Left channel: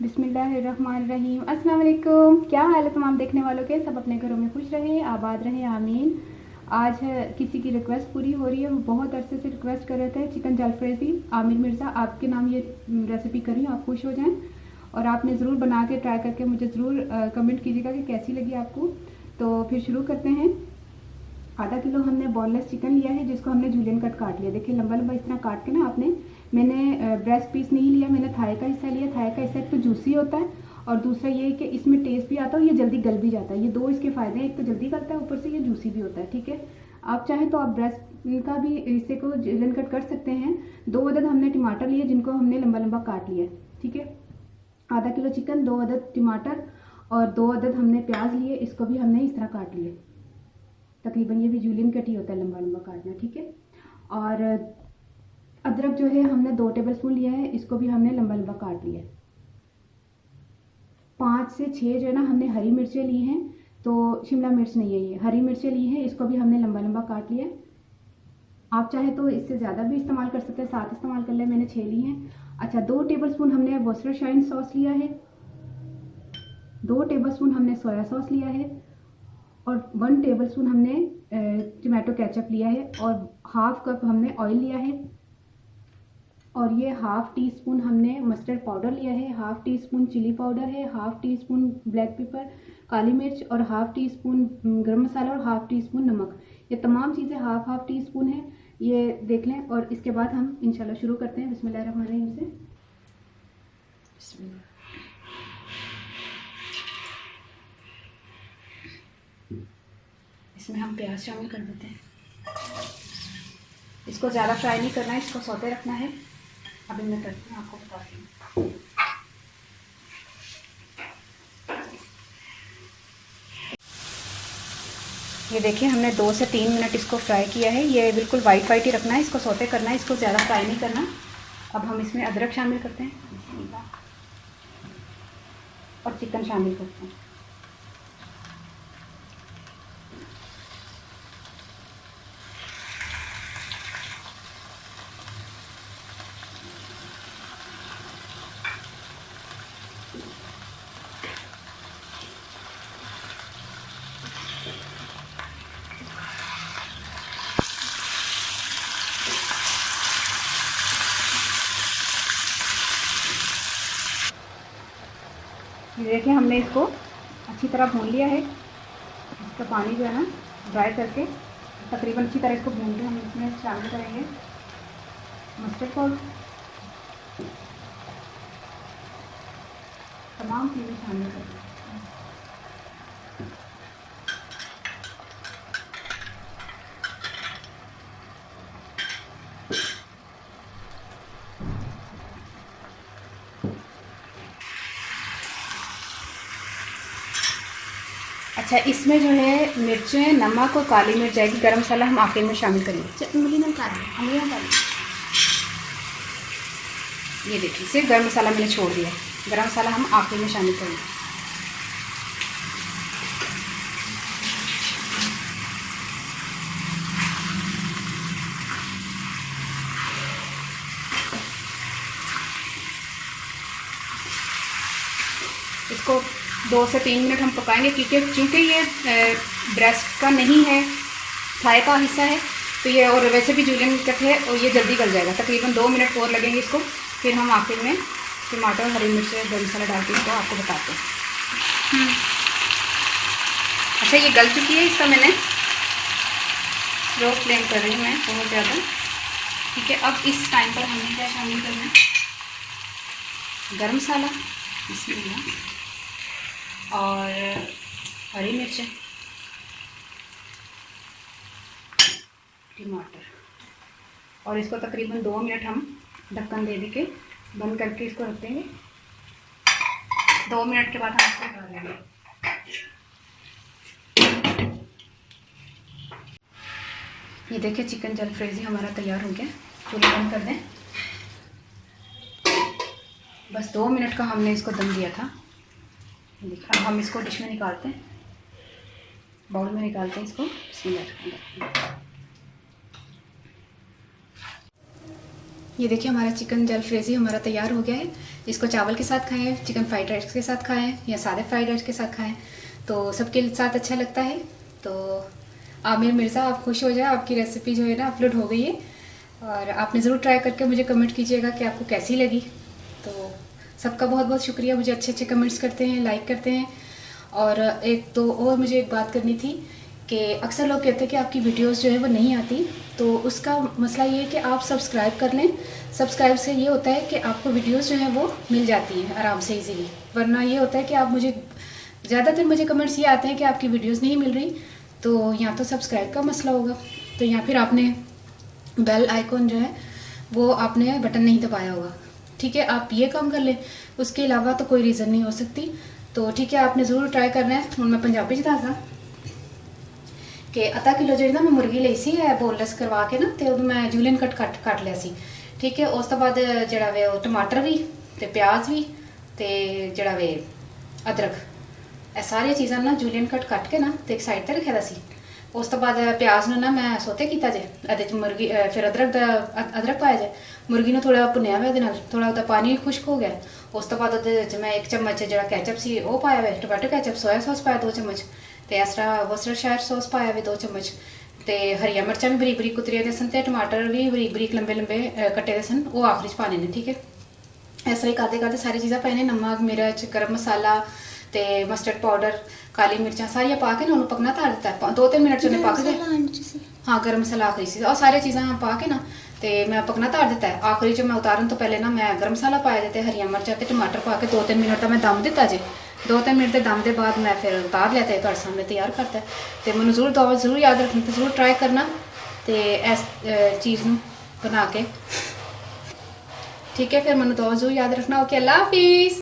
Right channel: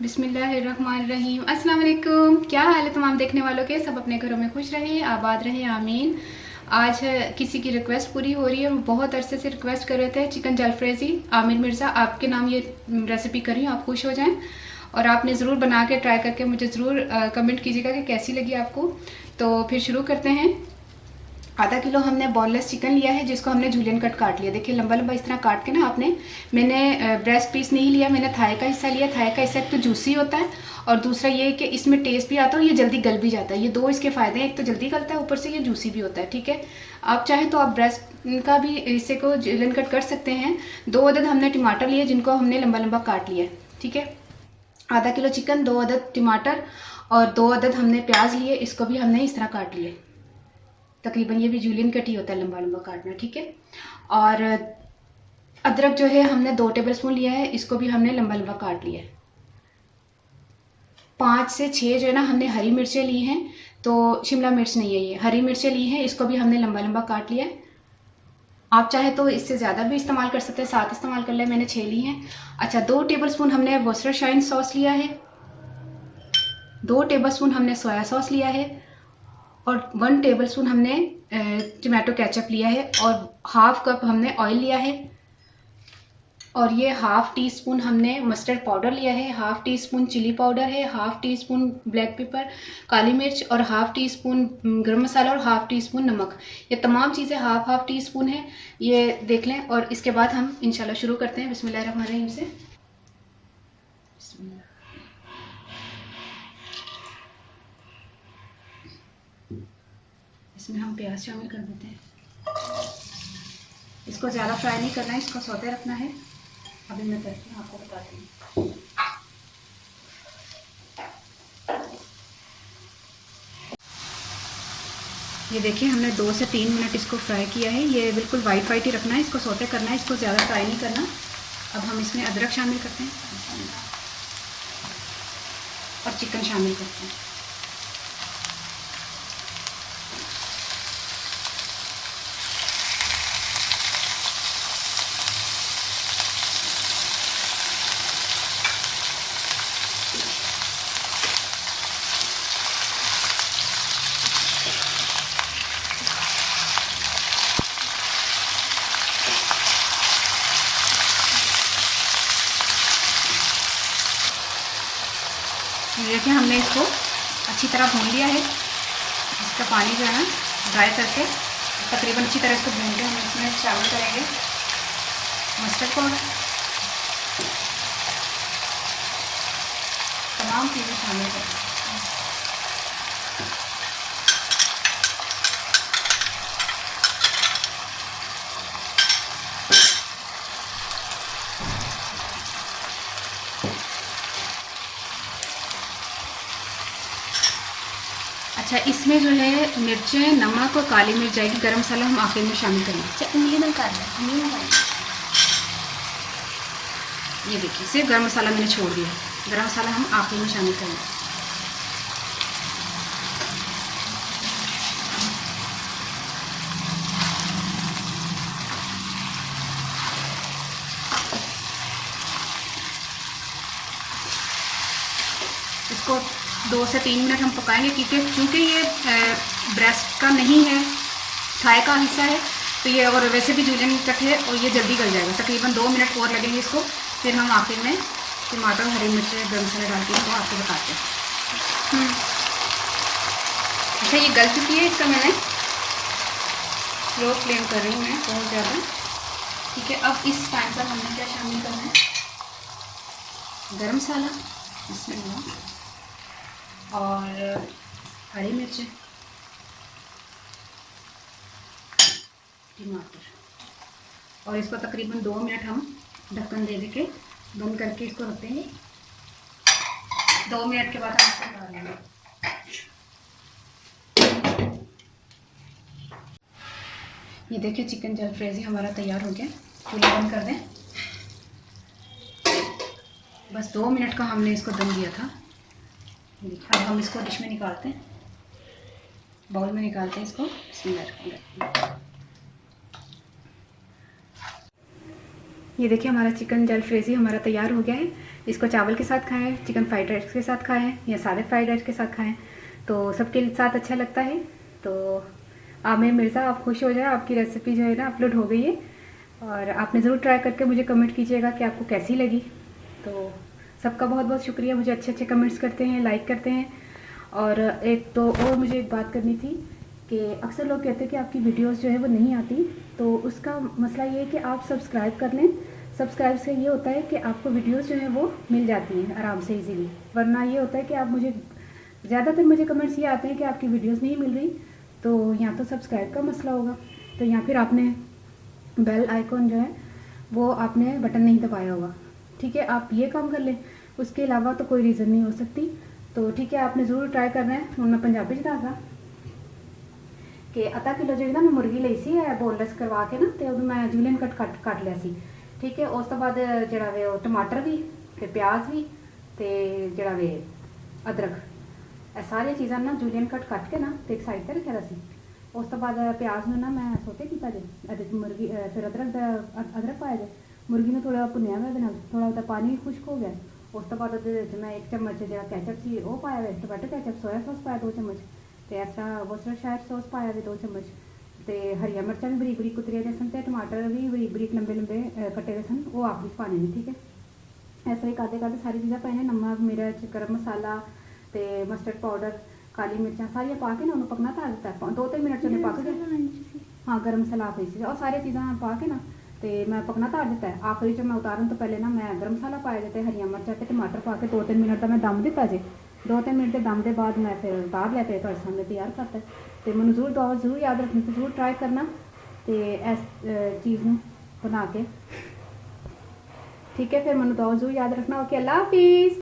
बिस्मिल्लाहिर्रहमानिर्रहीम। अस्सलाम वालेकुम। क्या हाल है तमाम देखने वालों के? सब अपने घरों में खुश रहें, आबाद रहें, आमीन। आज किसी की रिक्वेस्ट पूरी हो रही है, वो बहुत अरसे से रिक्वेस्ट कर रहे थे चिकन जलफ्रेज़ी। आमिर मिर्ज़ा, आपके नाम ये रेसिपी कर रही हूँ, आप खुश हो जाएं। और आपने ज़रूर बना के ट्राई करके मुझे ज़रूर कमेंट कीजिएगा कि कैसी लगी आपको। तो फिर शुरू करते हैं। आधा किलो हमने बोनलेस चिकन लिया है, जिसको हमने जूलियन कट काट लिया। देखिए लंबा लंबा इस तरह काट के ना मैंने ब्रेस्ट पीस नहीं लिया, मैंने थाई का हिस्सा लिया। थाई का हिस्सा एक तो जूसी होता है और दूसरा ये कि इसमें टेस्ट भी आता है और ये जल्दी गल भी जाता है। ये दो इसके फ़ायदे हैं, एक तो जल्दी गलता है, ऊपर से ये जूसी भी होता है। ठीक है, आप चाहें तो आप ब्रेस्ट का भी हिस्से को जूलियन कट कर सकते हैं। 2 अदद हमने टमाटर लिए, जिनको हमने लंबा लंबा काट लिया। ठीक है, आधा किलो चिकन, 2 अदद टमाटर और 2 अदद हमने प्याज लिए, इसको भी हमने इस तरह काट लिए। तकरीबन ये भी जूलियन कट ही होता है, लंबा लंबा काटना। ठीक है, और अदरक जो है हमने 2 टेबलस्पून लिया है, इसको भी हमने लंबा लंबा काट लिया है। 5 से 6 जो है ना हमने हरी मिर्चें ली हैं, तो शिमला मिर्च नहीं है, ये हरी मिर्चें ली हैं, इसको भी हमने लंबा लंबा काट लिया है। आप चाहे तो इससे ज़्यादा भी इस्तेमाल कर सकते हैं, 7 इस्तेमाल कर ले, मैंने 6 ली हैं। अच्छा, 2 टेबलस्पून हमने वर्सेस्टाइन सॉस लिया है, 2 टेबलस्पून हमने सोया सॉस लिया है और 1 टेबलस्पून हमने टमाटो केचप लिया है और हाफ कप हमने ऑयल लिया है। और ये हाफ टी स्पून हमने मस्टर्ड पाउडर लिया है, half teaspoon chilli powder है, half teaspoon black pepper काली मिर्च और हाफ टी स्पून गरम मसाला और हाफ टी स्पून नमक। ये तमाम चीज़ें हाफ टी स्पून है, ये देख लें। और इसके बाद हम इंशाल्लाह शुरू करते हैं बिस्मिल्लाहिर्रहमानिर्रहीम से। बिस्मिल्लाह। इसमें हम प्याज शामिल कर देते हैं। इसको ज़्यादा फ्राई नहीं करना है, इसको सौते रखना है। अभी मैं करती हूँ, आपको बताती हूँ। ये देखिए हमने 2 से 3 मिनट इसको फ्राई किया है। ये बिल्कुल वाइट वाइट ही रखना है, इसको सौते करना है, इसको ज़्यादा फ्राई नहीं करना। अब हम इसमें अदरक शामिल करते हैं और चिकन शामिल करते हैं। देखिए हमने इसको अच्छी तरह भून लिया है। इसका पानी जो है ना ड्राई करके तकरीबन अच्छी तरह इसको भून के हम इसमें शामिल करेंगे मस्टर्ड पाउडर, तमाम चीज़ें शामिल करेंगे। अच्छा, इसमें जो है मिर्चें, नमक और काली मिर्च जाएगी, गरम मसाला हम आखिर में शामिल करेंगे। उंगली में काट लें, उंगलियों में ये देखिए सिर्फ गरम मसाला मैंने छोड़ दिया है, गरम मसाला हम आखिर में शामिल करेंगे। इसको 2 से 3 मिनट हम पकाएंगे, क्योंकि ये ब्रेस्ट का नहीं है, थाई का हिस्सा है, तो ये और वैसे भी जूलियन कट है और ये जल्दी गल जाएगा। तकरीबन 2 मिनट और लगेंगे इसको। फिर हम आखिर में टमाटर, हरी मिर्च, गरम मसाला डाल के इसको आपको बताते हैं। अच्छा, ये गल चुकी है, इसको मैंने लो फ्लेम कर रही हूँ मैं बहुत ज़्यादा। ठीक है, अब इस टाइम पर हमने क्या शामिल करना है, गरम मसाला और हरी मिर्च, टमाटर, और इसको तकरीबन 2 मिनट हम ढक्कन दे के बंद करके इसको रख देंगे। 2 मिनट के बाद हम इसको डालेंगे। ये देखिए चिकन जलफ्रेज़ी हमारा तैयार हो गया। चूल्हा बंद कर दें। बस 2 मिनट का हमने इसको दम दिया था। देखिए अब हम इसको डिश में निकालते हैं, बाउल में निकालते हैं इसको। ये देखिए हमारा चिकन जलफ्रेजी हमारा तैयार हो गया है। इसको चावल के साथ खाएं, चिकन फ्राइड राइस के साथ खाएं या सादे फ्राइड राइस के साथ खाएं, तो सबके साथ अच्छा लगता है। तो आमिर मिर्ज़ा, आप खुश हो जाए, आपकी रेसिपी जो है ना अपलोड हो गई है और आपने ज़रूर ट्राई करके मुझे कमेंट कीजिएगा कि आपको कैसी लगी। तो सबका बहुत बहुत शुक्रिया, मुझे अच्छे अच्छे कमेंट्स करते हैं, लाइक करते हैं। और एक तो और मुझे एक बात करनी थी कि अक्सर लोग कहते हैं कि आपकी वीडियोस जो है वो नहीं आती, तो उसका मसला ये है कि आप सब्सक्राइब कर लें। सब्सक्राइब से ये होता है कि आपको वीडियोस जो है वो मिल जाती हैं आराम से इजीली, वरना ये होता है कि आप मुझे ज़्यादातर मुझे कमेंट्स ये आते हैं कि आपकी वीडियोस नहीं मिल रही, तो या तो सब्सक्राइब का मसला होगा, तो या फिर आपने बेल आइकॉन जो है वो आपने बटन नहीं दबाया होगा। ठीक है, आप ये काम कर लें, उसके अलावा तो कोई रीज़न नहीं हो सकती। तो ठीक है, आपने ज़रूर ट्राई करना है। हूँ मैं पंजाबी च दसदा कि अद्धा किलो जी ना मैं मुर्गी ली सी बोनलैस करवा के ना, तो मैं जूलियन कट लिया सी। ठीक है, उस तो बाद जड़ा वे टमाटर भी तो प्याज भी तो जड़ा वे अदरक, ये सारिया चीज़ां ना जूलियन कट के ना तो एक साइड पर रखे दा सी। उस तो बाद प्याज ने ना मैं सोते किया जे, ये मुर्गी फिर अदरक पाया जे, मुर्गी ने थोड़ा भुनिया हुआ ये, थोड़ा उसका पानी खुश्क हो गया। उस तो बाद मैं 1 चम्मच जो कैचअप सी वो पाया हुआ, टोमैटो कैचअप, सोया सॉस पाया 2 चम्मच, तो इस तरह वॉस्टरशायर सॉस पाया हुआ 2 चम्मच, तो हरिया मिर्चा भी बरीक बरीक कुतरिया दे सन, तो टमाटर भी बरीक बरीक लंबे लंबे कट्टे दे सन, वो आखिरी च पाने ने। ठीक है, इस तरह करते करते सारी चीज़ां पाने, नमक मिर्च गर्म मसाला तो मस्टर्ड पाउडर काली मिर्चा सारिया पा के ना उन्होंने पकना धार दिता है 2-3 मिनट च पक गए। हाँ, गर्म मसाला आखिरी सी और सारी चीज़ां पा के ना तो मैं पकना धार दिता है। आखिरी च मैं उतारन तो पहले ना मैं गर्म मसाला पाया जाते, हरिया मिर्चा तो टमाटर पा के 2-3 मिनट का मैं दम दिता जे। 2-3 मिनट के दम के बाद मैं फिर उतार लिया, तो सामने तैयार करता है। तो मैंने ज़रूर याद रखना, तो ज़रूर ट्राई करना तो इस चीज़ में बना के। ठीक है, फिर मैंने ज़रूर याद रखना। ओके, अल्लाह हाफिज़।